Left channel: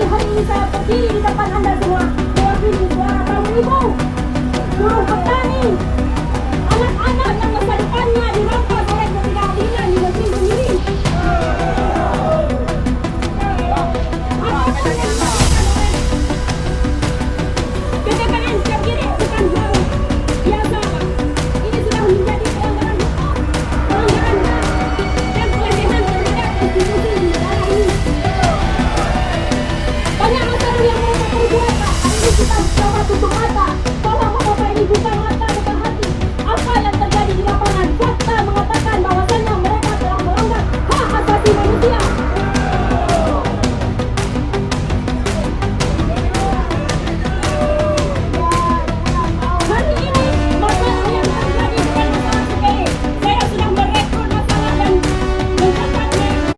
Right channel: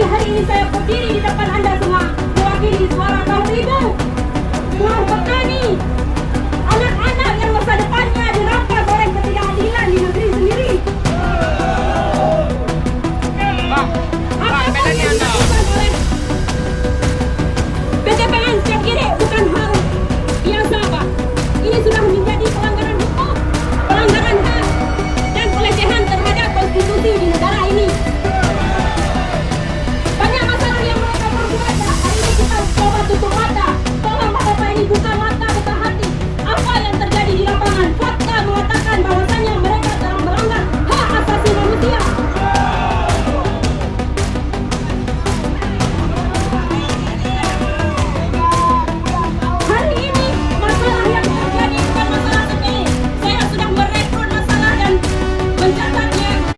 Tapi hari ini saya berdiri di depan Anda semua mewakili suara kaum ibu, buruh petani,